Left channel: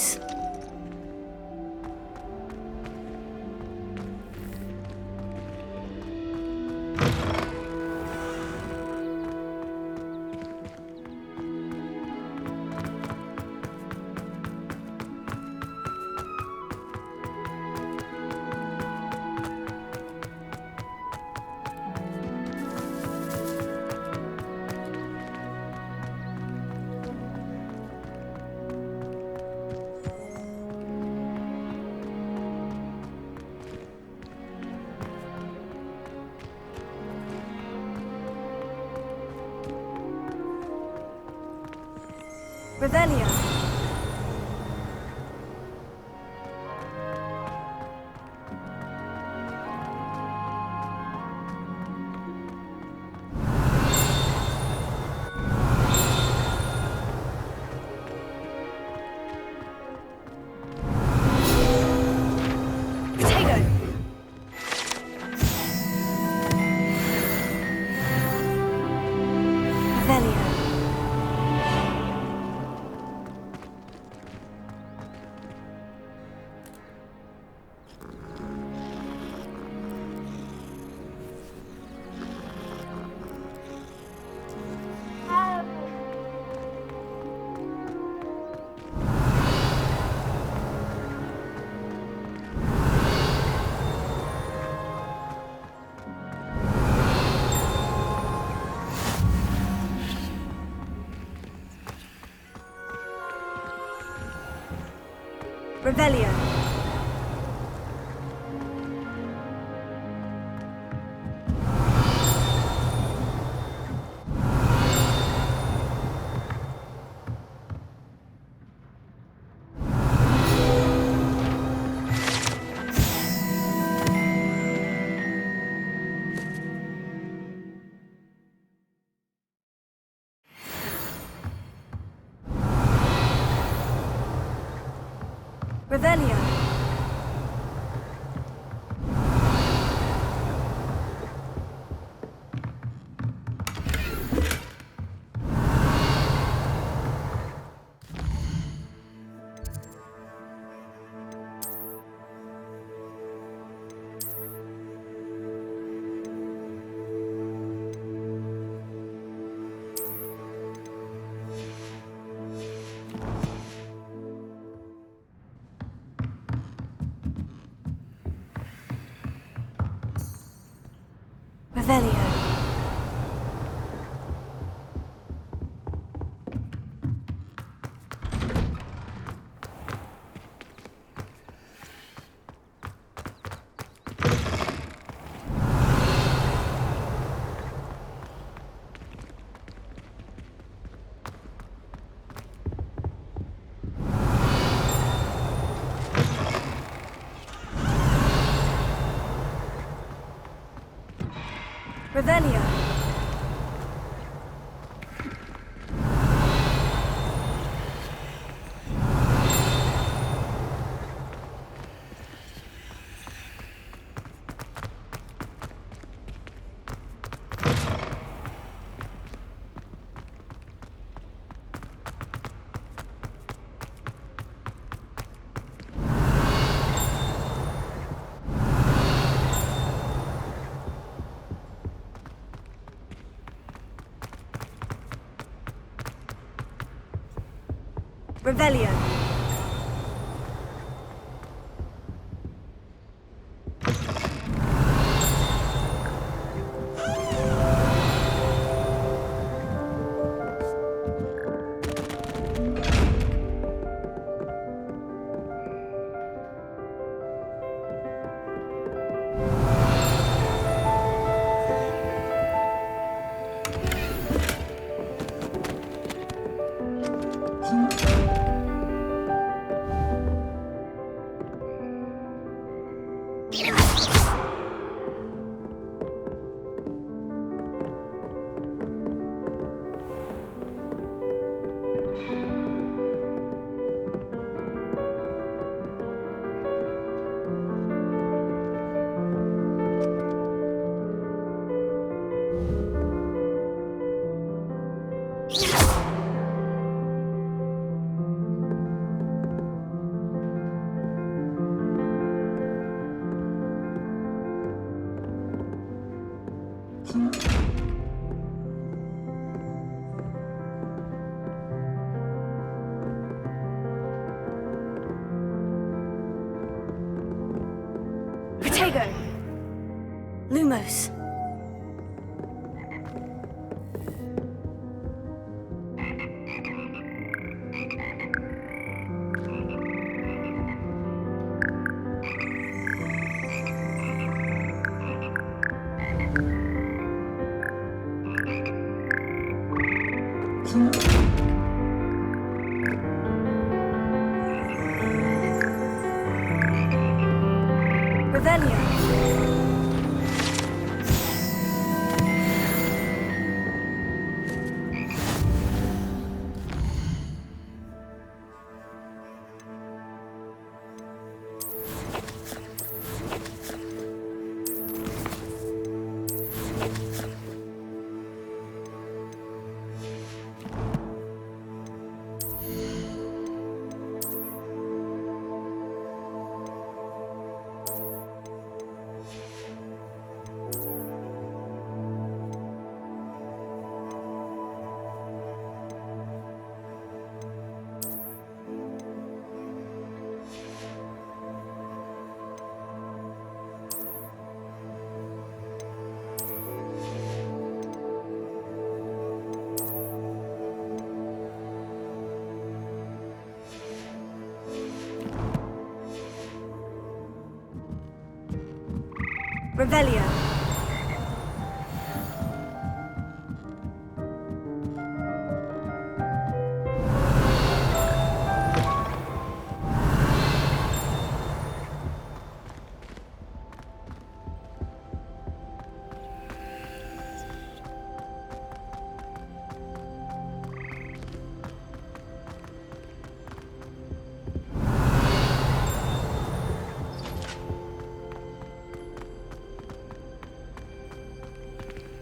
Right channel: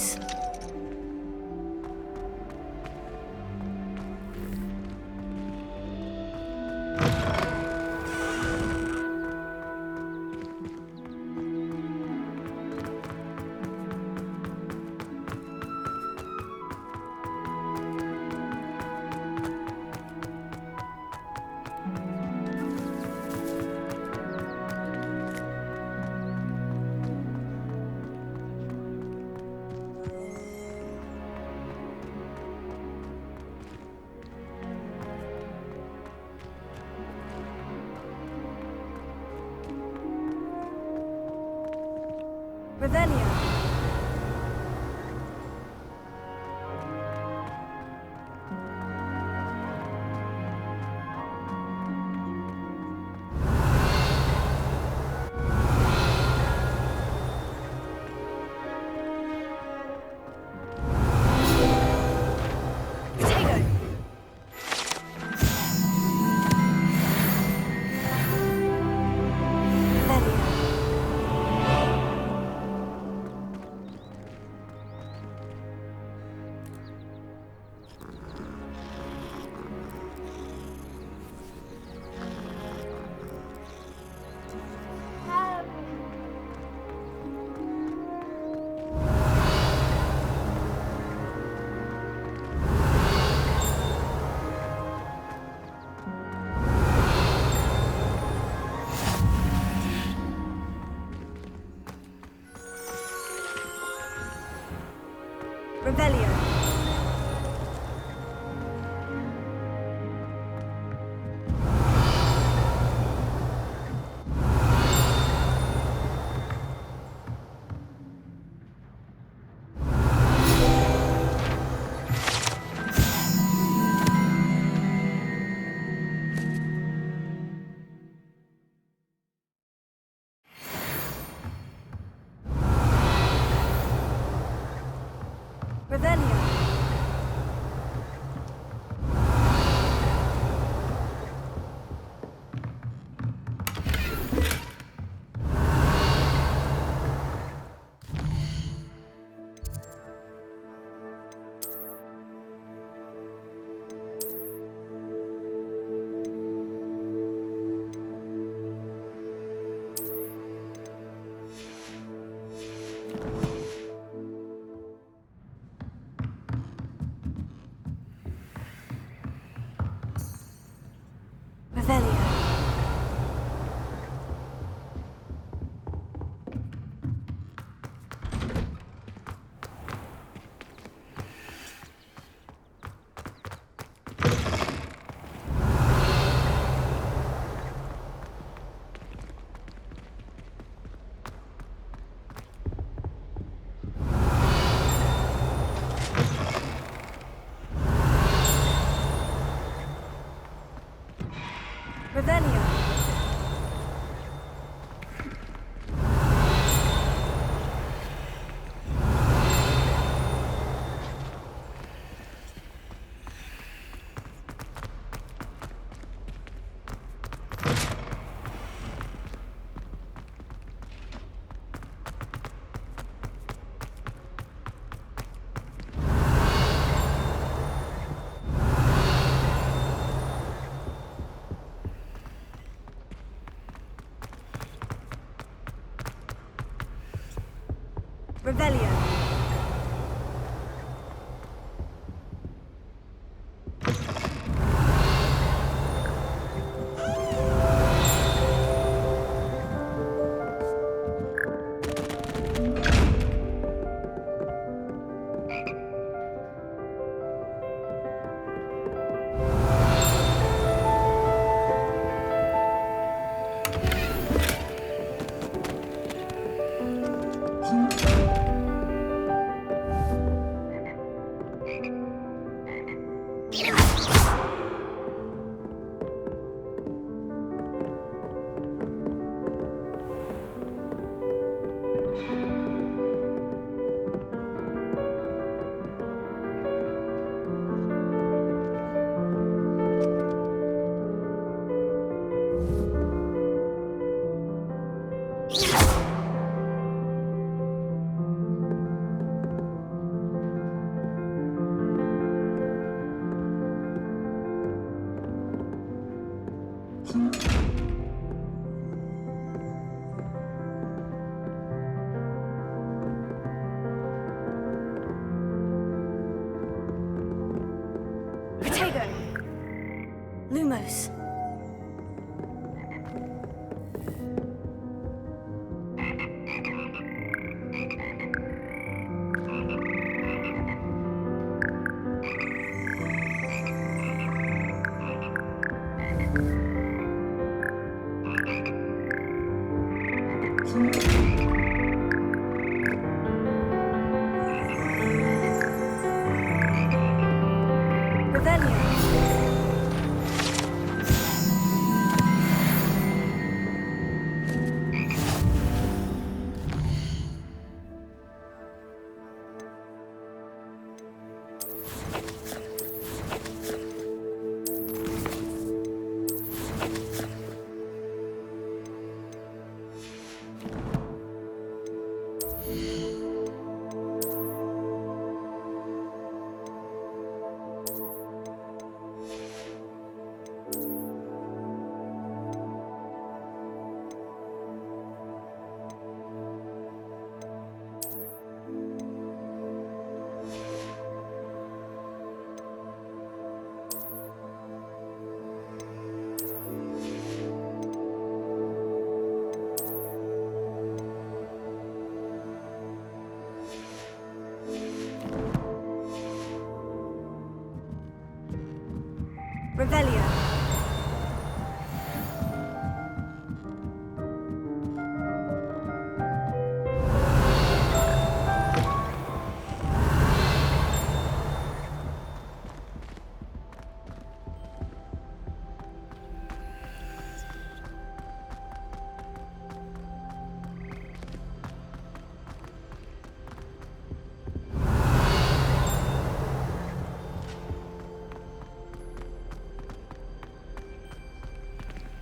choice. Revelio. Potato. Revelio. Revelio. Revelio. Revelio. Revelio. Revelio. Tego. Lumos. Revelio. Revelio.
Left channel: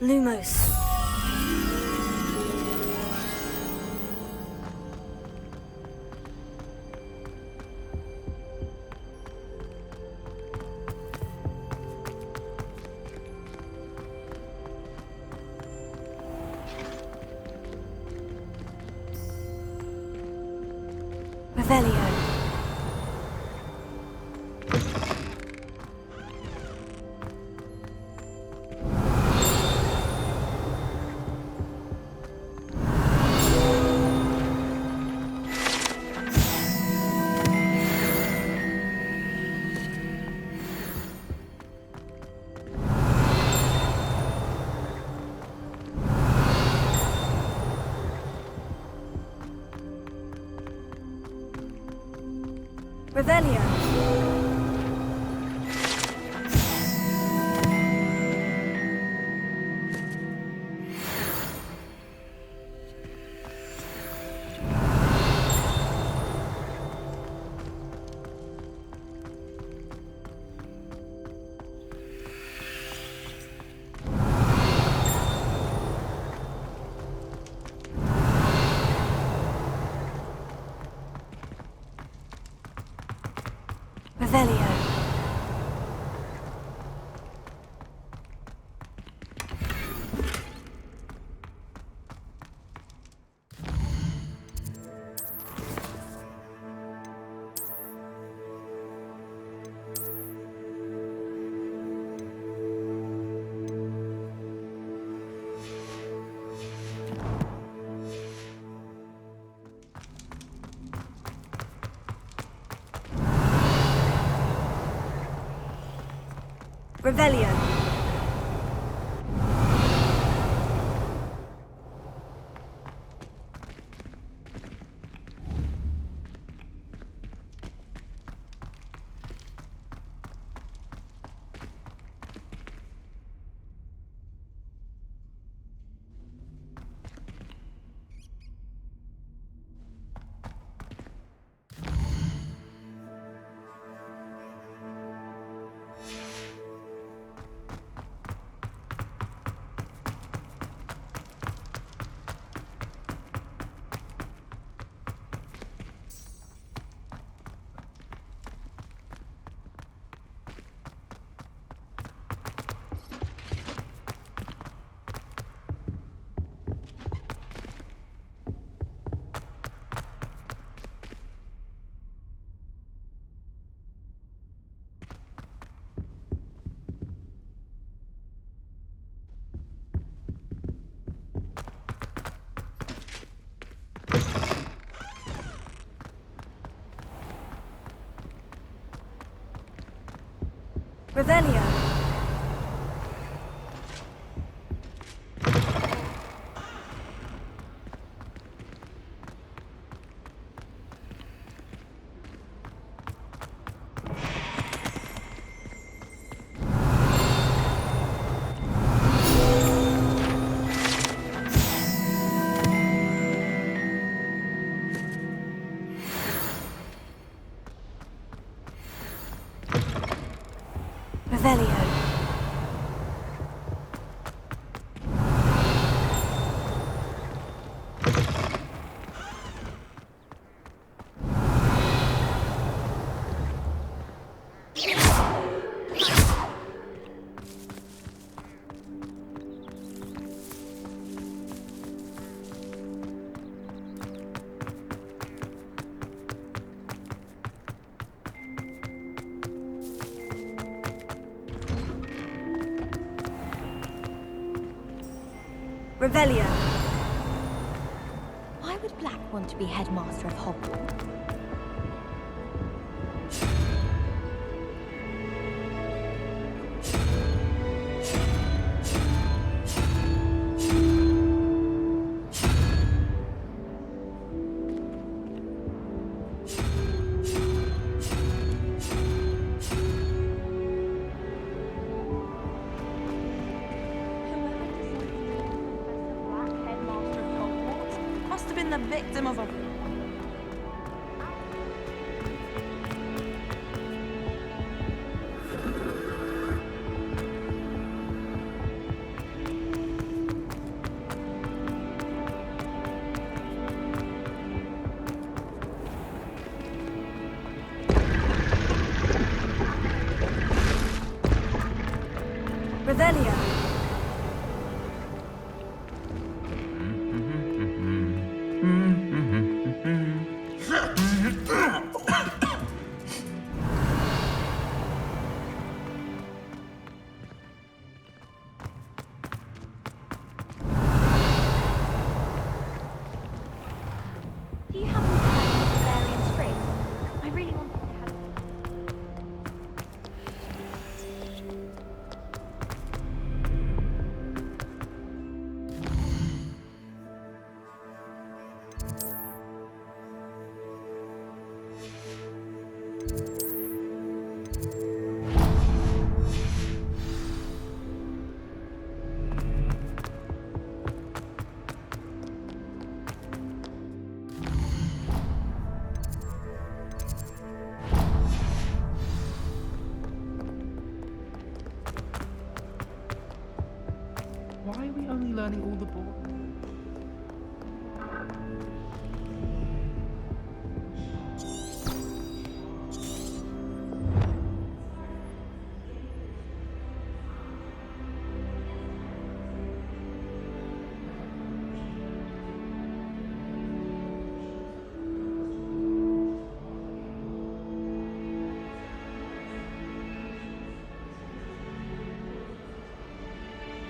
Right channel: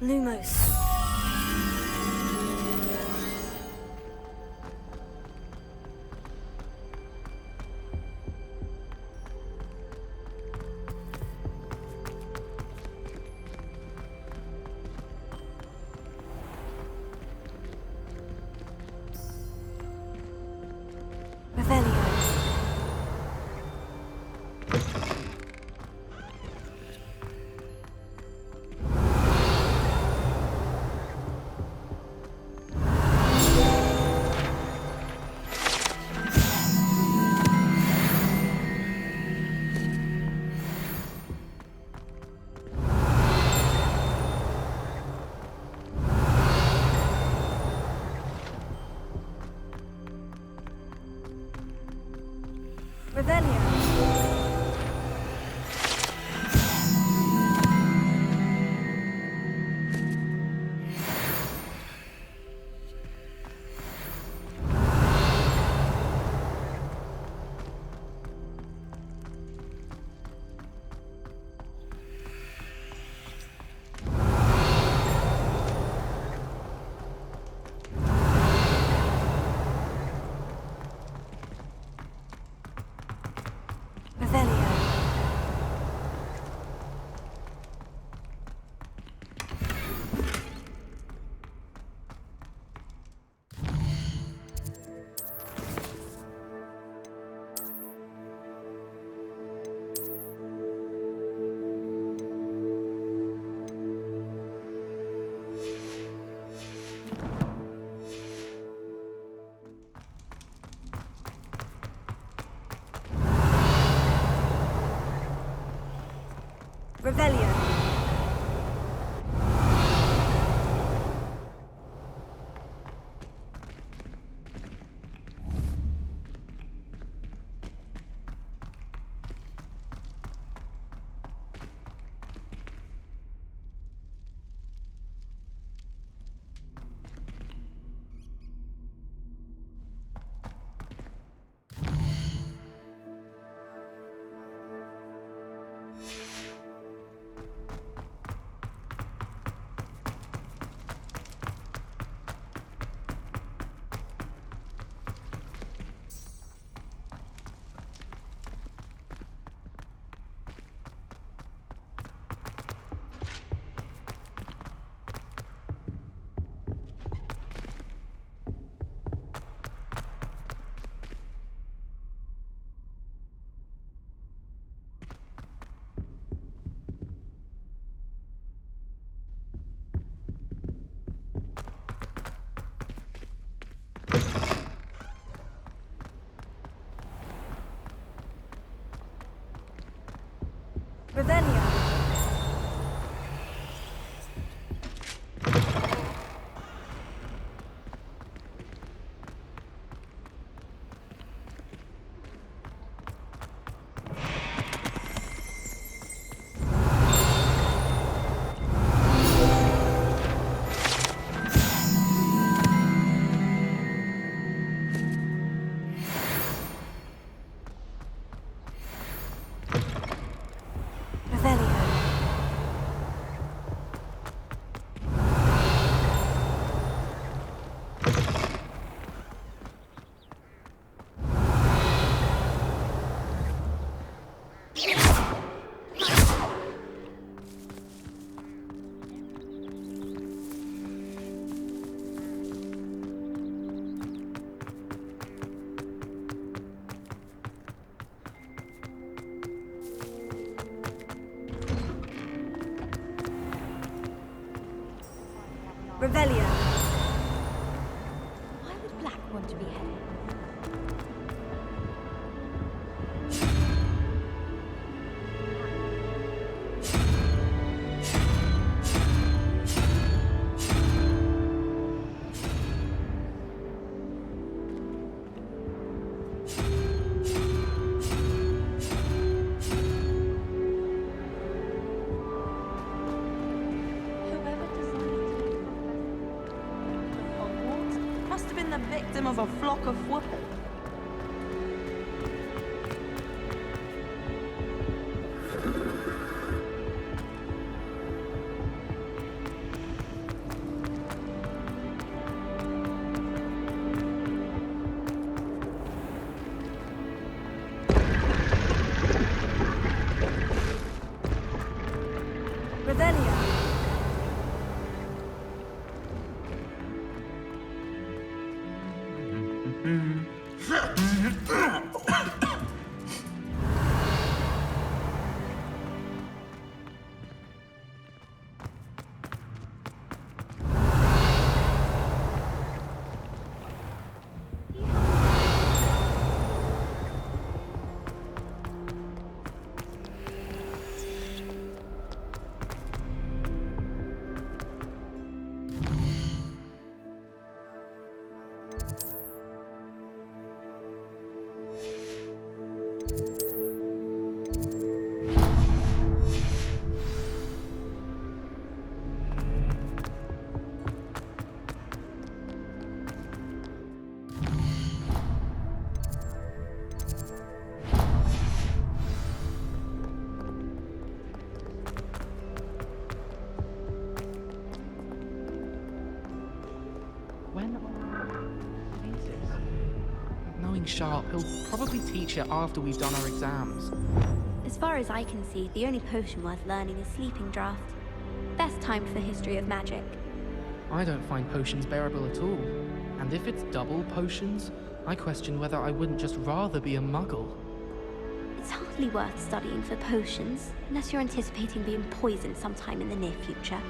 Lumos. Revelio. Revelio. Revelio. Revelio. Revelio. Revelio. Revelio. Why would Black want to be headmaster of Hogwarts? Must have been the victim of a flock of wood. Revelio. Do you have any I really want Why are we only learning all the when knowing Sharp, he'll probably teach it after we've done our exams. As far as I can see, the only potion worth learning is Sleeping Draught. Best time for the history of magic. I don't find potions bearable at all. And if it's double potions, I question whether I wouldn't just rather be a muggle. It's hardly worth studying for potions, unless you're anticipating being poisoned sometime in the near future.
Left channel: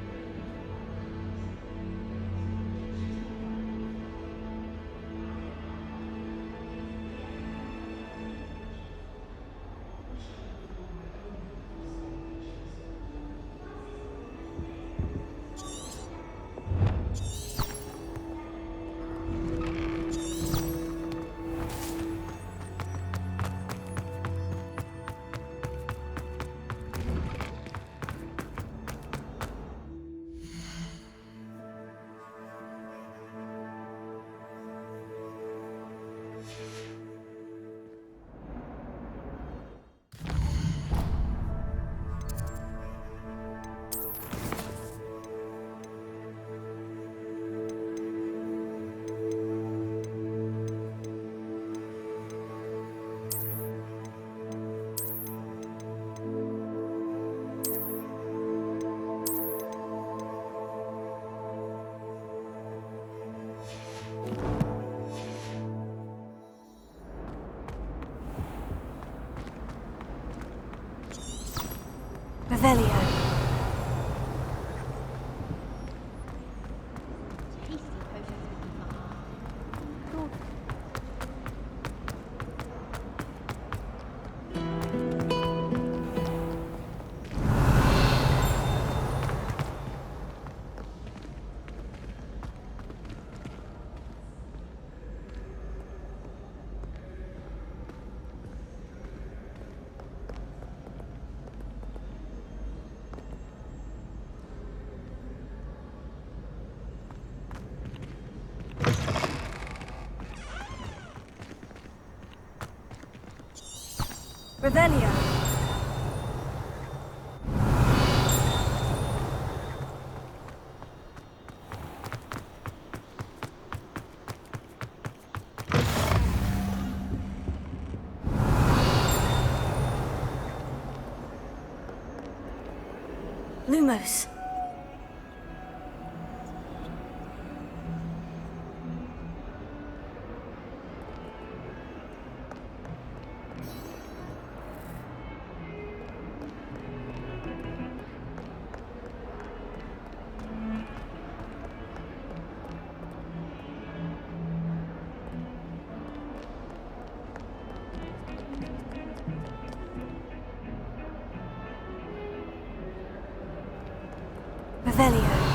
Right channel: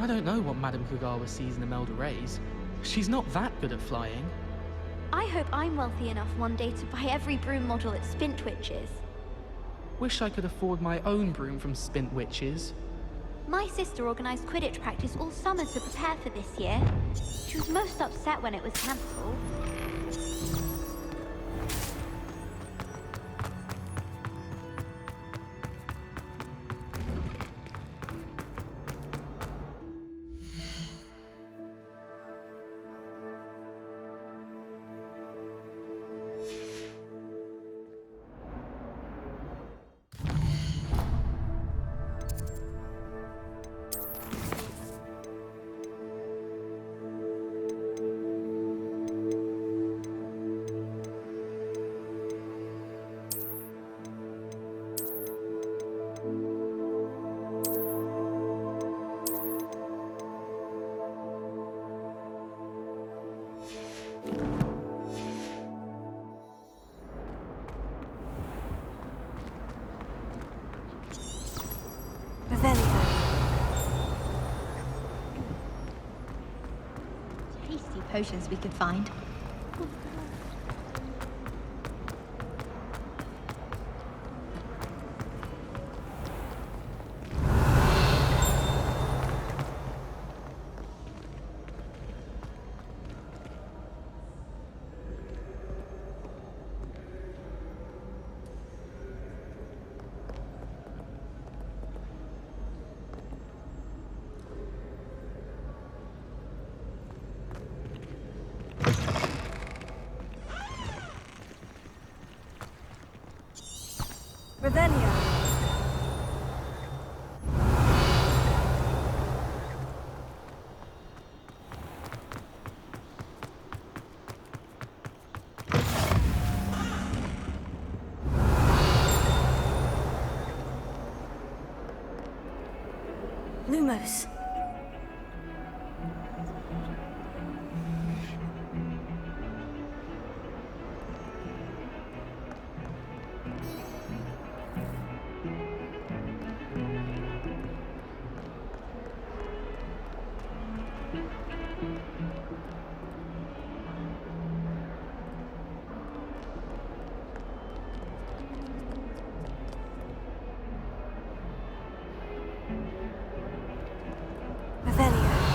I don't know what Madame Kugawa sees in Imelda Rays. She's not that good at flying. I hope I'm wealthy enough one day to buy every broom model at Spintwitch's. Wish I could afford my own broom from Spintwitch's. My sister organised Quidditch practice all summer to prepare for this year. She was most upset when it was cancelled. Revelio. potions we could find. Revelio. Lumos. Revelio.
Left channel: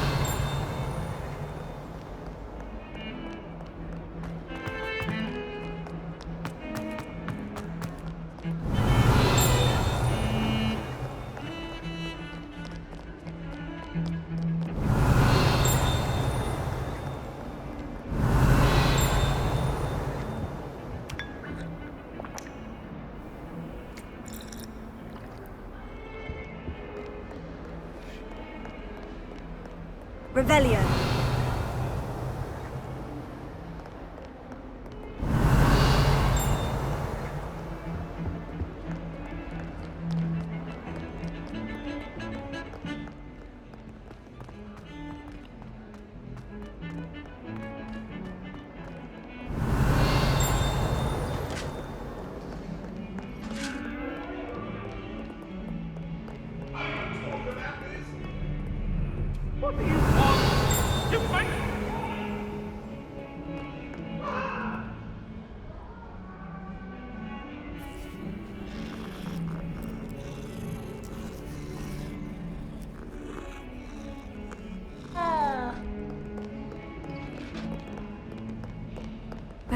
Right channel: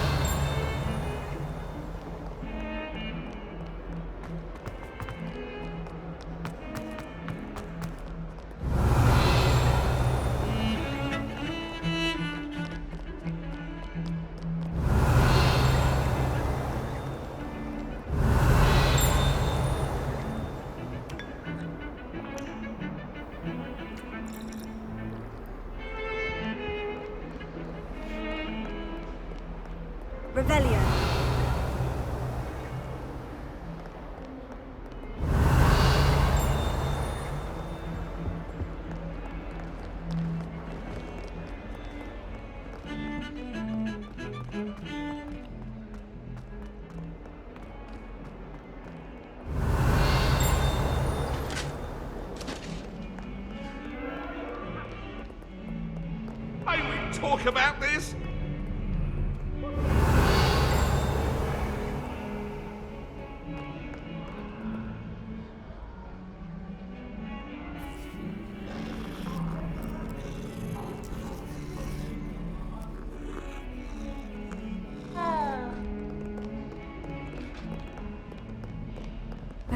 Revelio. Talk about this? What are you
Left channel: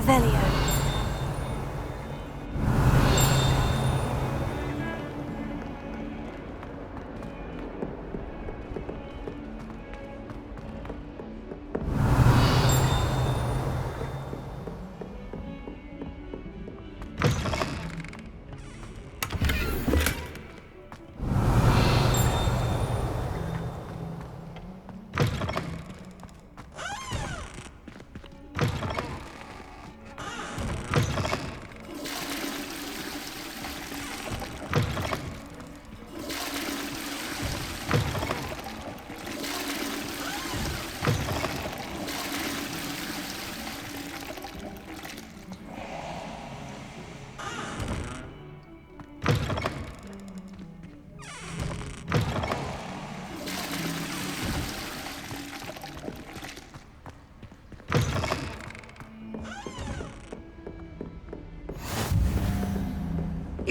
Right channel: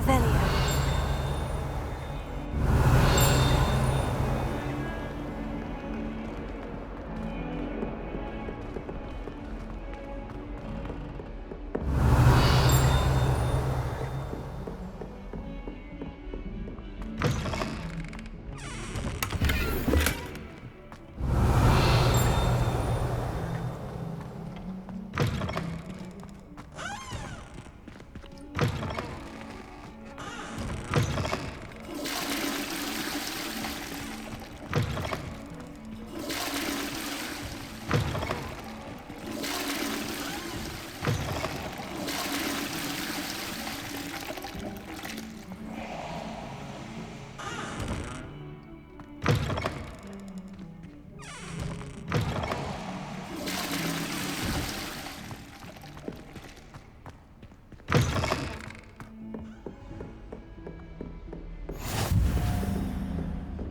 Revelio.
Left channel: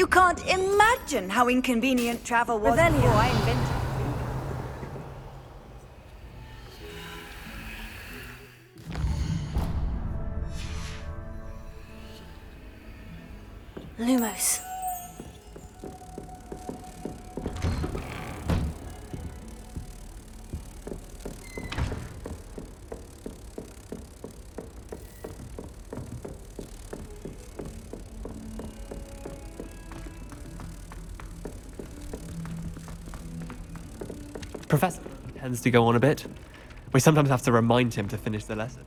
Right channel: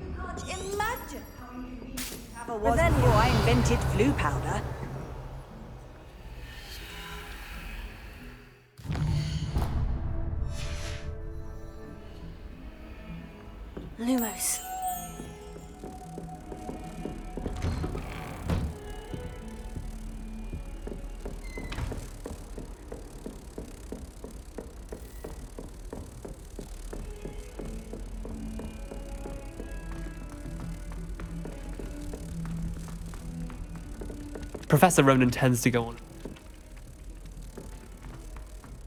You can't imagine how inconvenient travel was Revelio. before I invented flu powder. Lumos. Professor Ronan tends to go on a bit. We sometimes have to remind him to finish the lesson.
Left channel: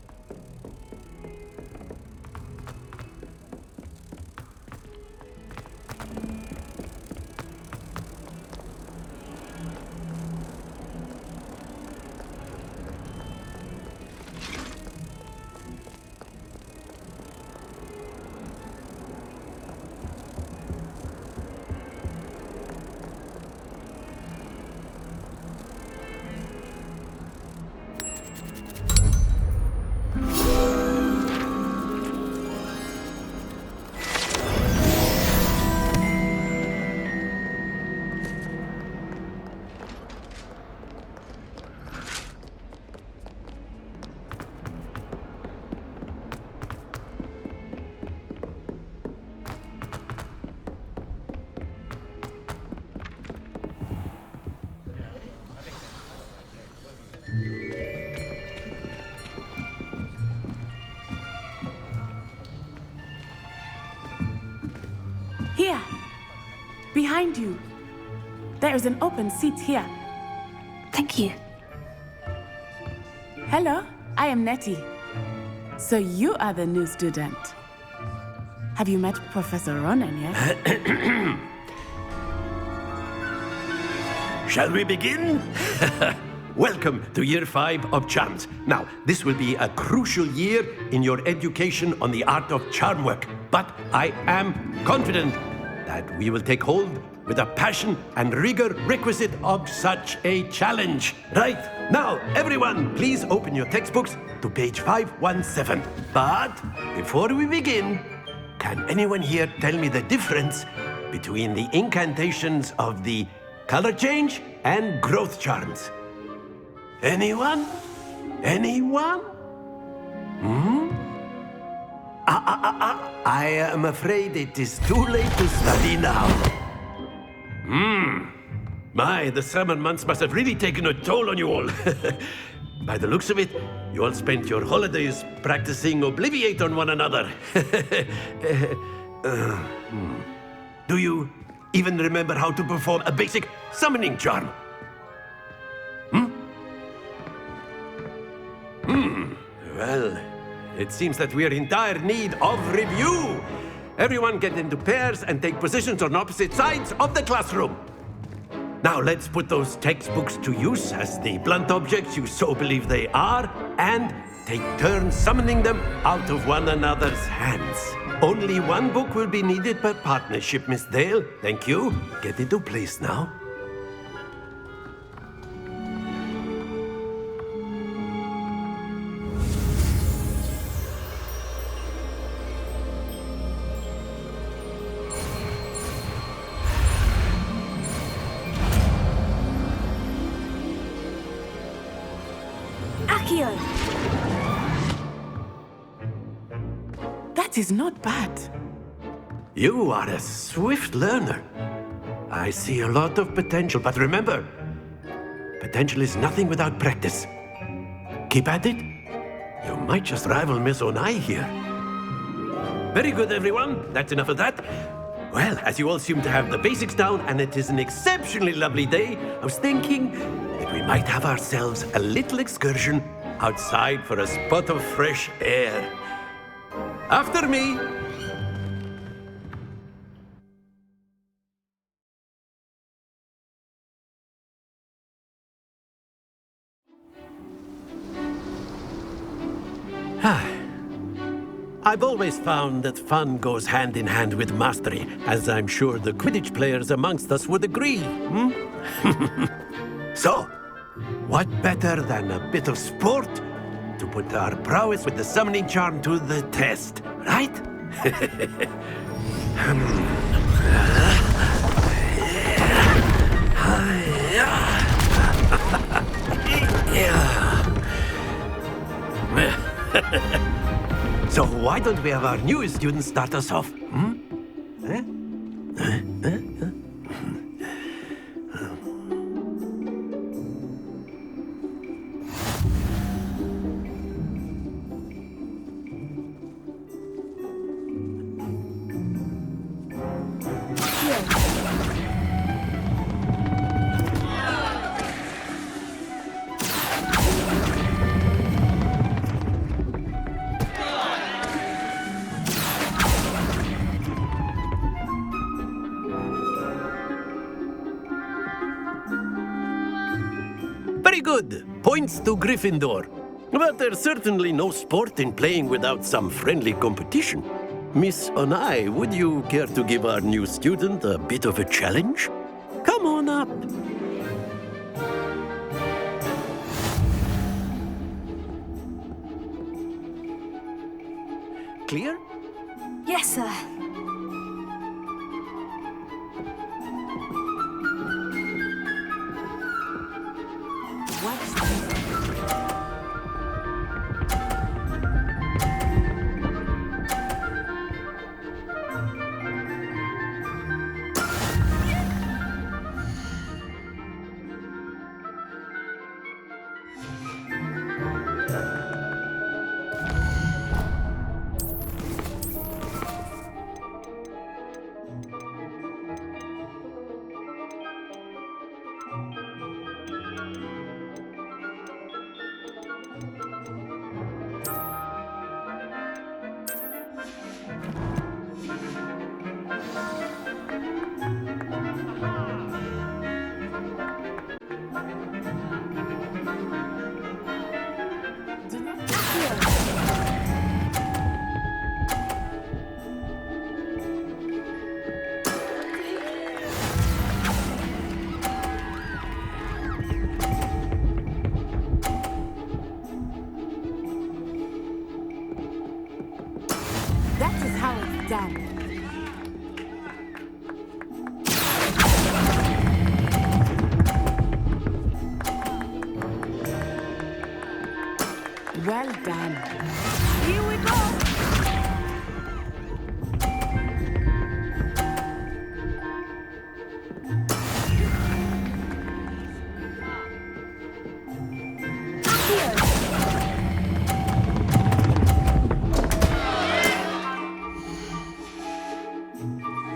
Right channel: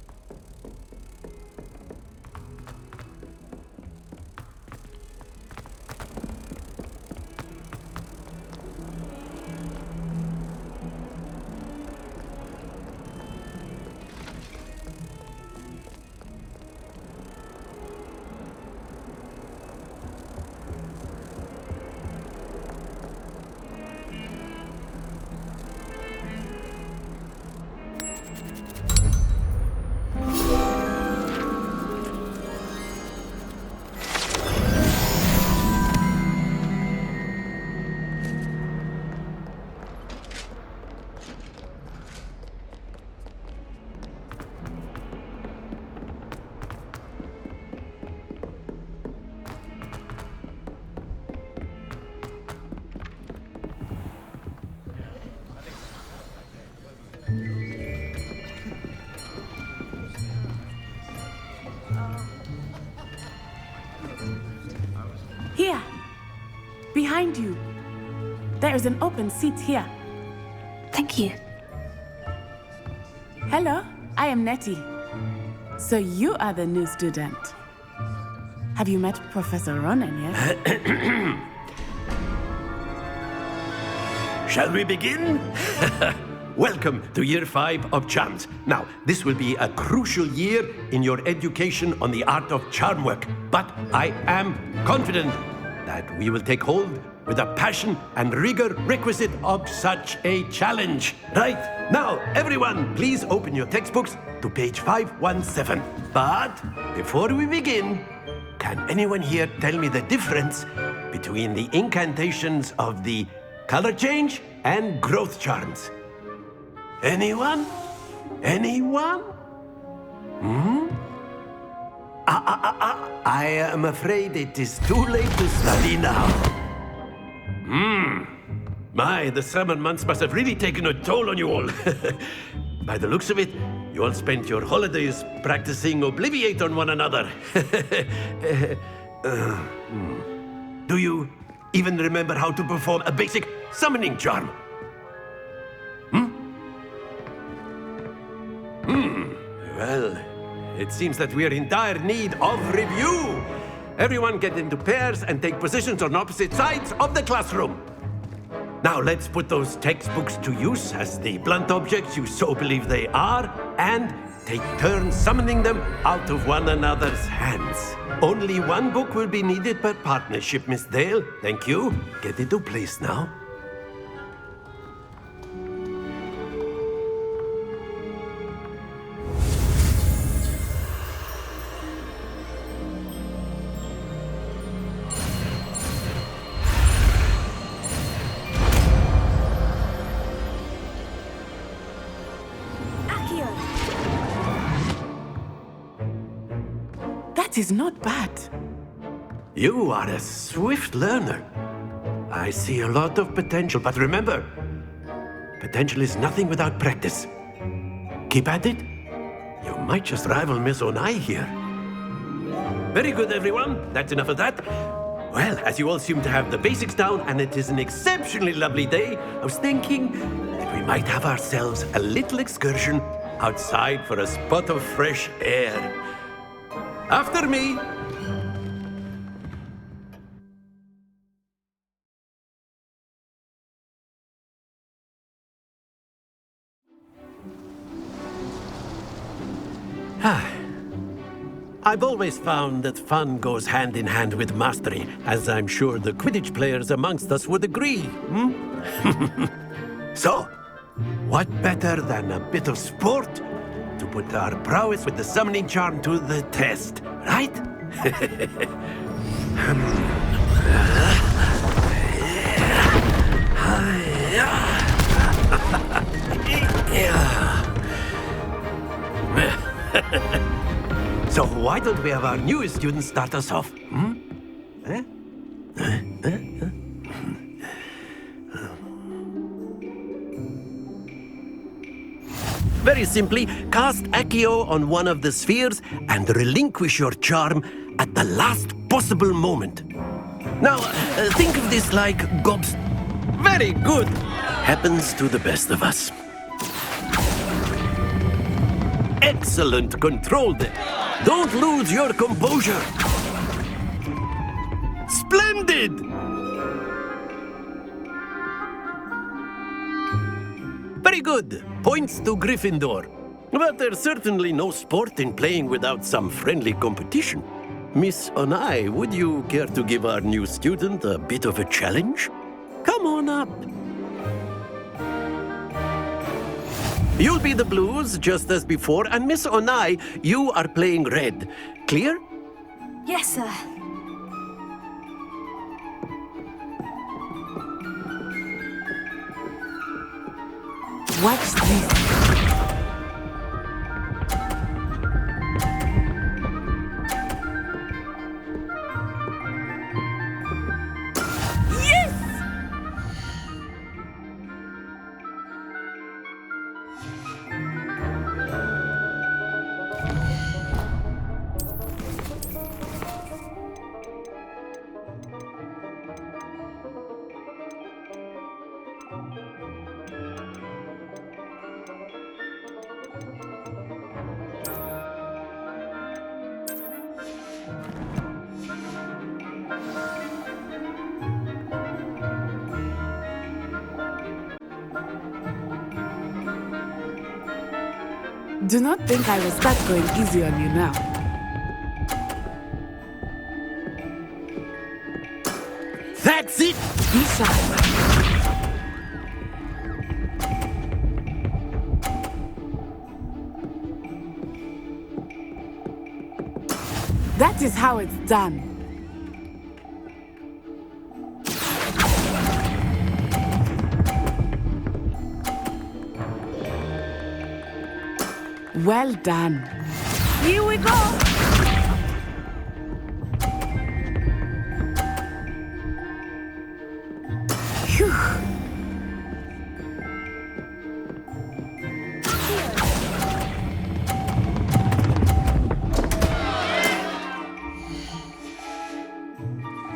behind you. There is an open seat here. Thank you. Hello, I am Nettie. So you are the new student. Have you met Professor Ronan yet? Shall we begin? Welcome to Year 5 of Charms. Now, this will be a crucial year in your education on the art of charm work. But I am confident that we will take hold with the passion and rigor requisite of such a challenge. Right, now, everyone, please open your textbooks to page 517. But before we begin, can anyone here tell me the difference between the incantations of the color change and growth charms? Anyone? Anyone? I am afraid it is too late to study now. My, the summer months must have really taken a toll on you all. By the looks of it, you all spent your holidays practicing Obliviate on one another. Do you even remember how to perform a basic summoning charm? Well, it seems that we are in dire need of review. Everyone get into pairs and take positions on opposite sides of the classroom. Now let's put those textbooks to use as the blunt objects you so believe they are, and take turns summoning them out of one another's hands. Only one book will be needed per partnership, Miss Dale. Thank you. Get into place now. Accio! That is not bad. You are a swift learner. I see a lot of potential, but remember, potential is nothing without practice. Keep at it. You might just rival Miss Onai here. Very good, everyone. That's enough of that. Well, as you all seem to have the basics down, and it is an exceptionally lovely day, I was thinking that we might have ourselves a little excursion outside for a spot of fresh air. After me. I've always found that fun goes hand in hand with mastery, as I'm sure the Quidditch players amongst us would agree. So, what better than a bit of sport to put our prowess with the summoning charm to the test, right? So why don't we have our newest student start us off? Very simply, cast Accio on one of the spheres and relinquish your charm at the last possible moment. Now, think of this like Gops. Very good. Happens to the best of us. Excellent, controlled. Don't lose your composure. Splendid! Very good. Points to Gryffindor. But there's certainly no sport in playing without some friendly competition. Miss Onai, would you care to give our new student a bit of a challenge? Come on up. You'll be the blues, just as before, and Miss Onai, you are playing red. Clear? Yes, sir. Watch this. Do not think I will start going easy on you now. That's it! Be sharp. That is how it's done. Well done. Here we go. Phew.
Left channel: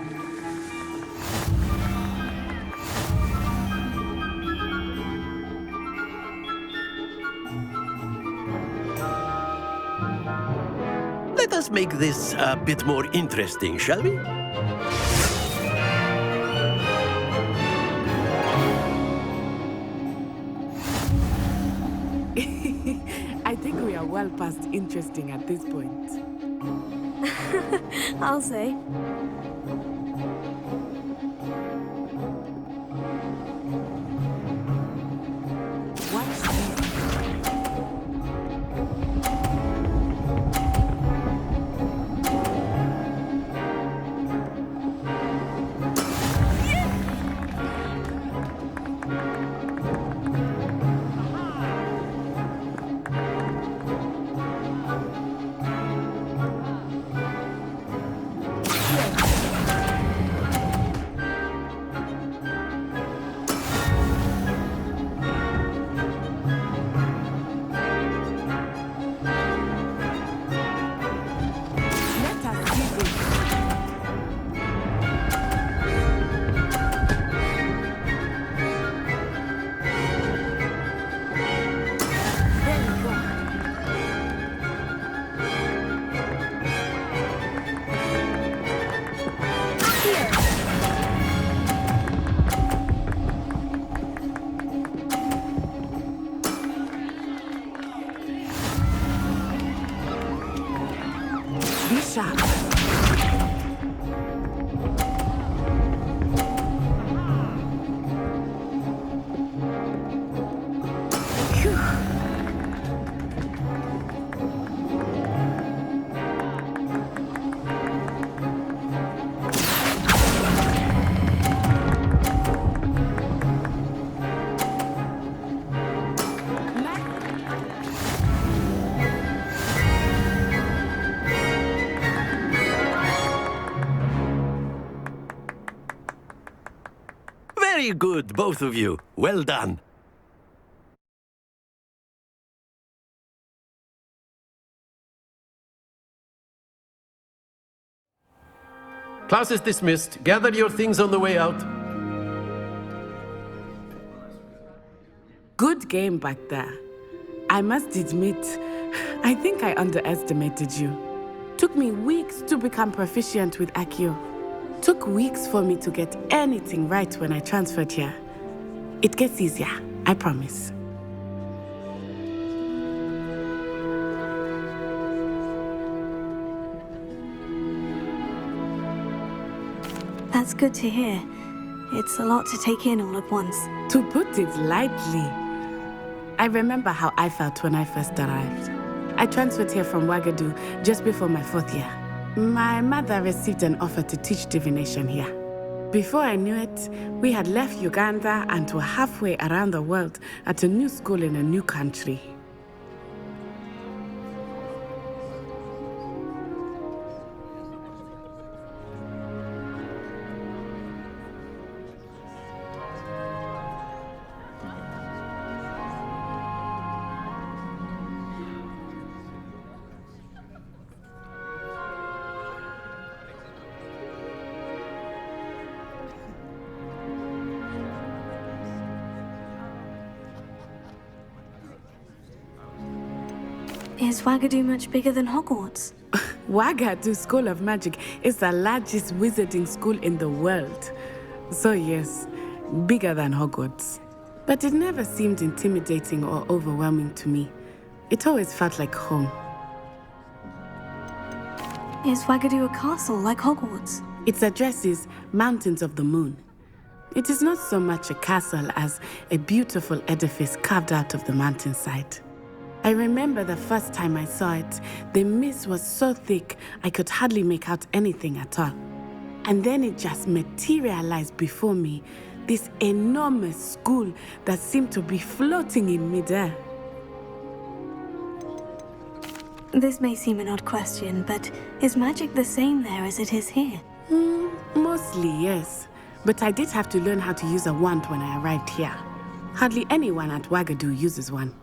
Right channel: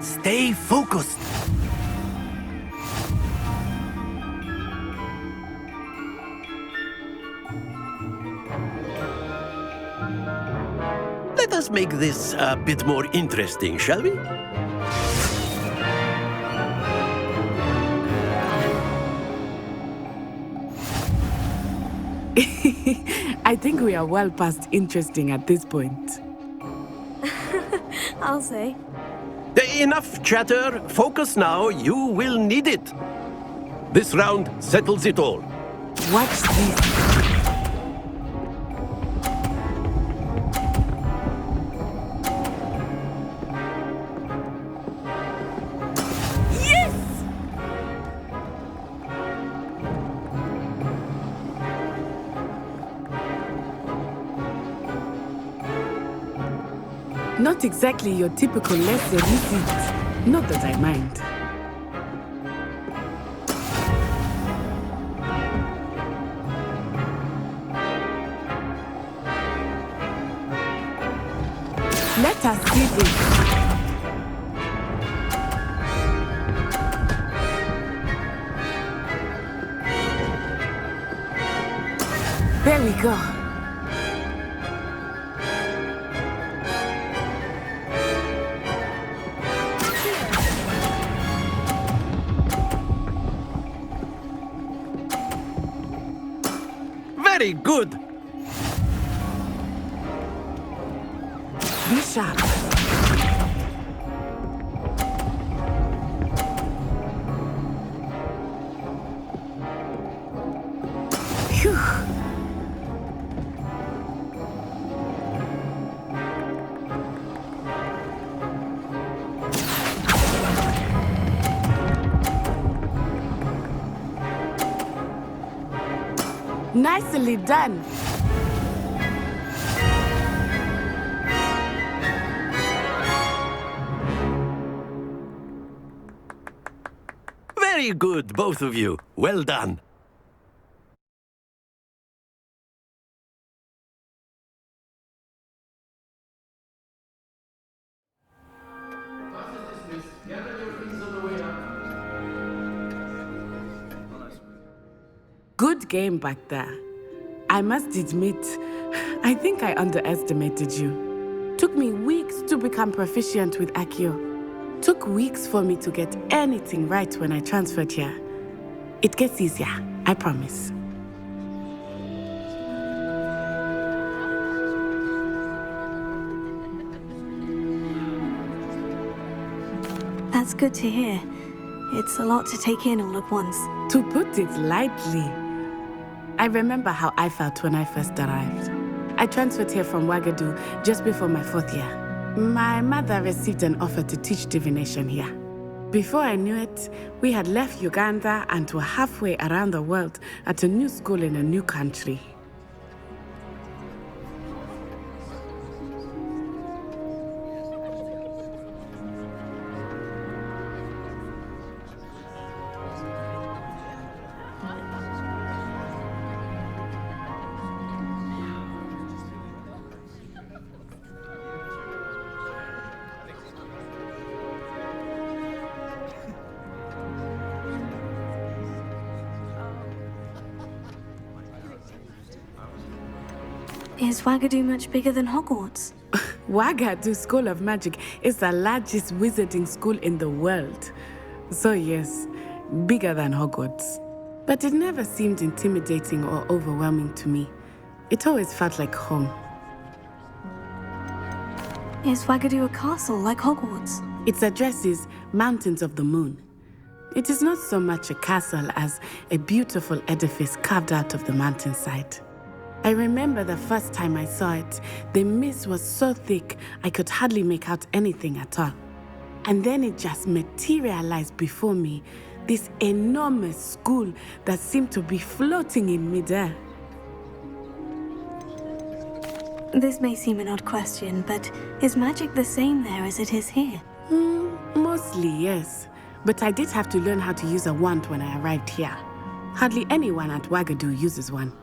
Stay focused. Let us make this a bit more interesting, shall we? I think we are well past interesting at this point. I'll say. Enough chatter. Focus now. You will need it. This round settles it all. Watch this. Not exactly your typical lesson, is it? Not that I mind. Let us see this. There we go. Very good. Be sharp. Phew. Nicely done. Very good, both of you. Well done. Class is dismissed. Gather your things on the way out. Good game back there. I must admit, I think I underestimated you. Took me weeks to become proficient with Accio. Took weeks for me to get anything right when I transferred here. It gets easier, I promise. That's good to hear. It's a lot to take in all at once. To put it lightly, I remember how I felt when I first arrived. I transferred here from Ouagadougou just before my 4th year. My mother received an offer to teach divination here. Before I knew it, we had left Uganda and were halfway around the world at a new school in a new country. Is Ouagadougou much bigger than Hogwarts? Wagadu School of Magic is the largest wizarding school in the world. So yes, bigger than Hogwarts. But it never seemed intimidating or overwhelming to me. It always felt like home. Is Wagadu a castle like Hogwarts? Its address is Mountains of the Moon. It is not so much a castle as a beautiful edifice carved out of the mountainside. I remember the first time I saw it, the mist was so thick I could hardly make out anything at all. And then it just materialized before me, this enormous school that seemed to be floating in midair. This may seem an odd question, but is magic the same there as it is here? Mostly, yes. But I did have to learn how to use a wand when I arrived here. Hardly anyone at Wagadu uses one.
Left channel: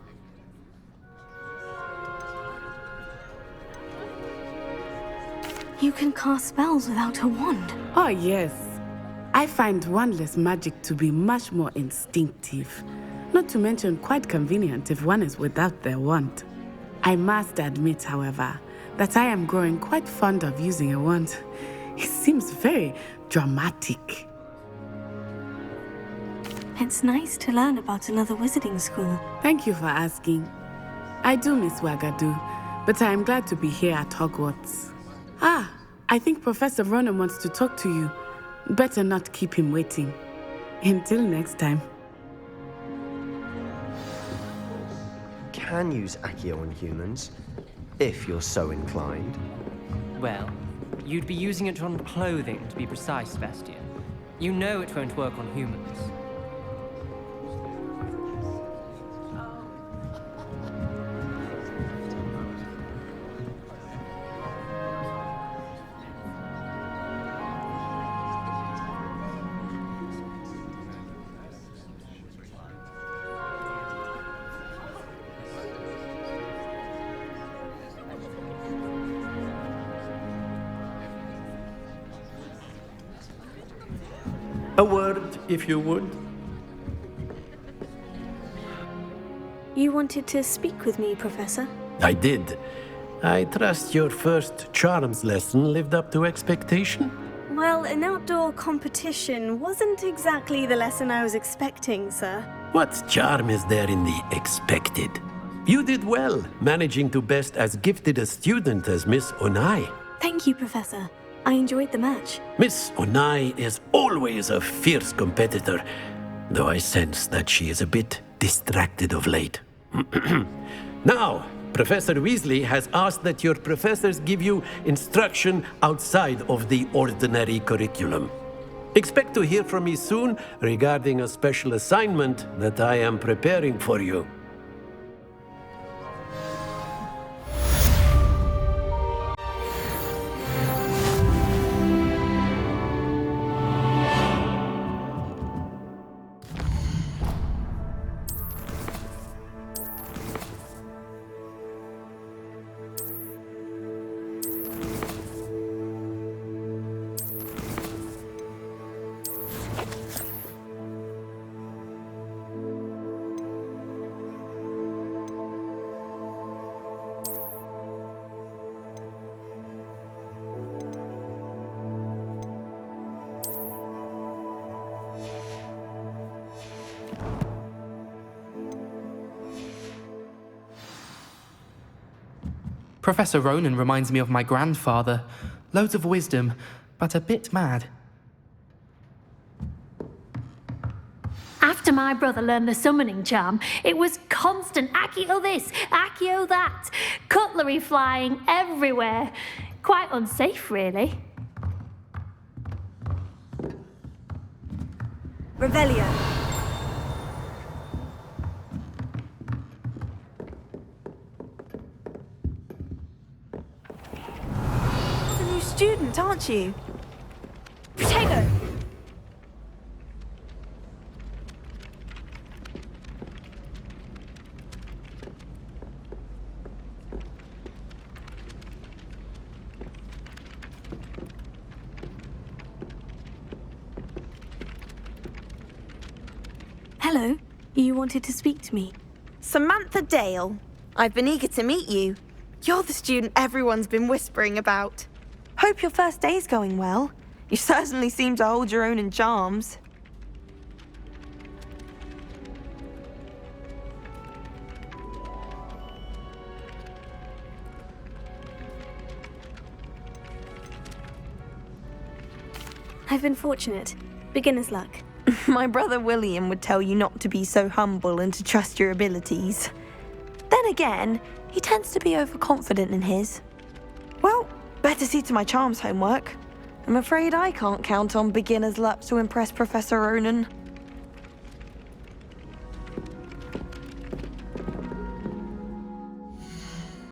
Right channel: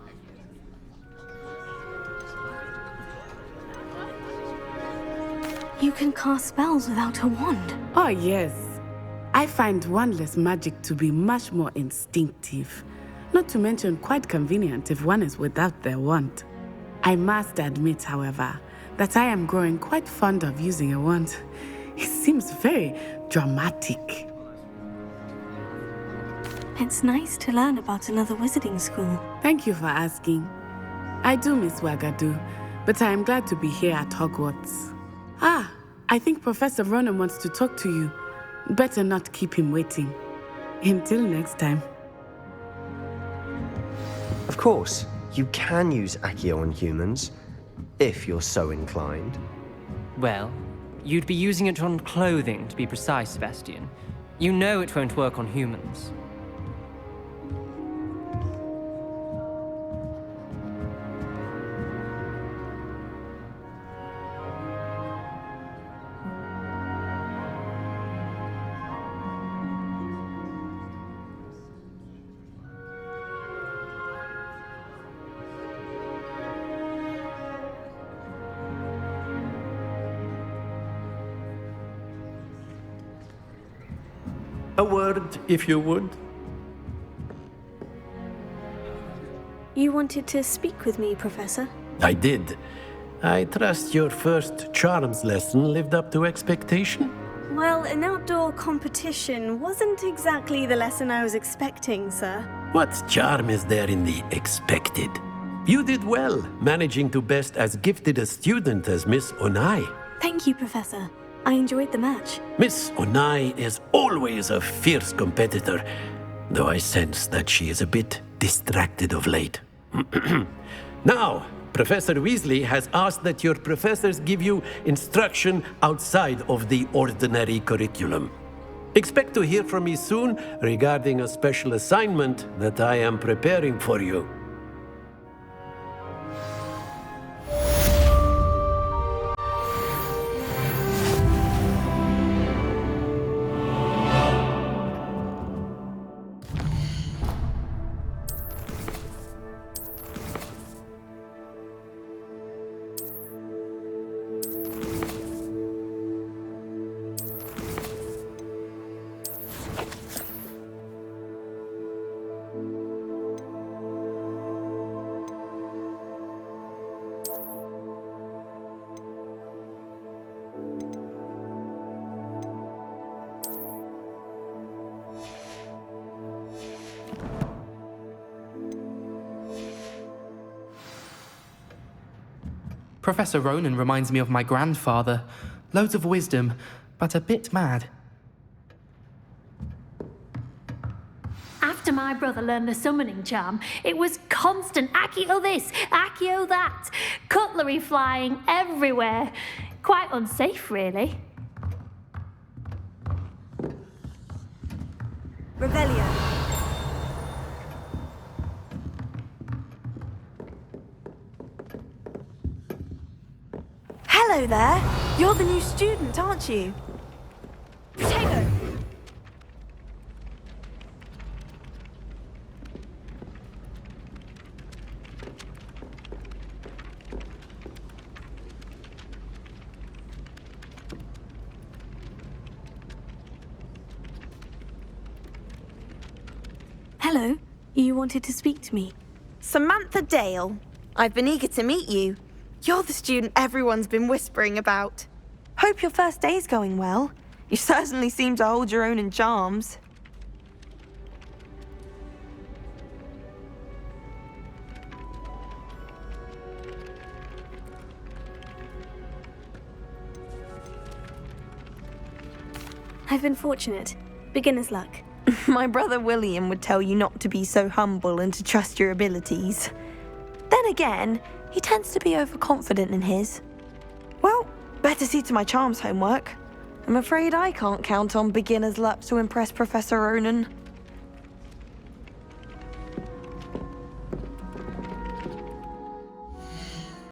You can cast spells without a wand. Oh, yes. I find wandless magic to be much more instinctive. Not to mention quite convenient if one is without their wand. I must admit, however, that I am growing quite fond of using a wand. It seems very dramatic. It's nice to learn about another wizarding school. Thank you for asking. I do miss Wagadu, but I am glad to be here at Hogwarts. I think Professor Ronan wants to talk to you. Better not keep him waiting. Until next time. Of course, you can use Accio on humans, if you're so inclined. Well, you'd be using it on clothing, to be precise, Sebastian. You know it won't work on humans. A word, if you would. You wanted to speak with me, Professor? I did. I trust your first charms lesson lived up to expectation? Well, an outdoor competition wasn't exactly the lesson I was expecting, sir. What charm is there in the expected? You did well, managing to best as gifted a student as Miss Onai. Thank you, Professor. I enjoyed the match. Miss Onai is always a fierce competitor, though I sense that she is a bit distracted of late. Now, Professor Weasley has asked that your professors give you instruction outside of the ordinary curriculum. Expect to hear from me soon regarding a special assignment that I am preparing for you. Professor Ronan reminds me of my grandfather. Loads of wisdom, but a bit mad. After my brother learned the summoning charm, it was constant Accio this, Accio that. Cutlery flying everywhere. Quite unsafe, really. Revelio. Hello there. You're the new student, aren't you? Protego. Hello. You wanted to speak to me? Samantha Dale. I've been eager to meet you. You're the student everyone's been whispering about. Hope your first day's going well. You certainly seem to hold your own in charms. I've been fortunate. Beginner's luck. My brother William would tell you not to be so humble and to trust your abilities. Then again, he tends to be overconfident in his. Well, better see to my charms homework. I'm afraid I can't count on beginner's luck to impress Professor Ronan.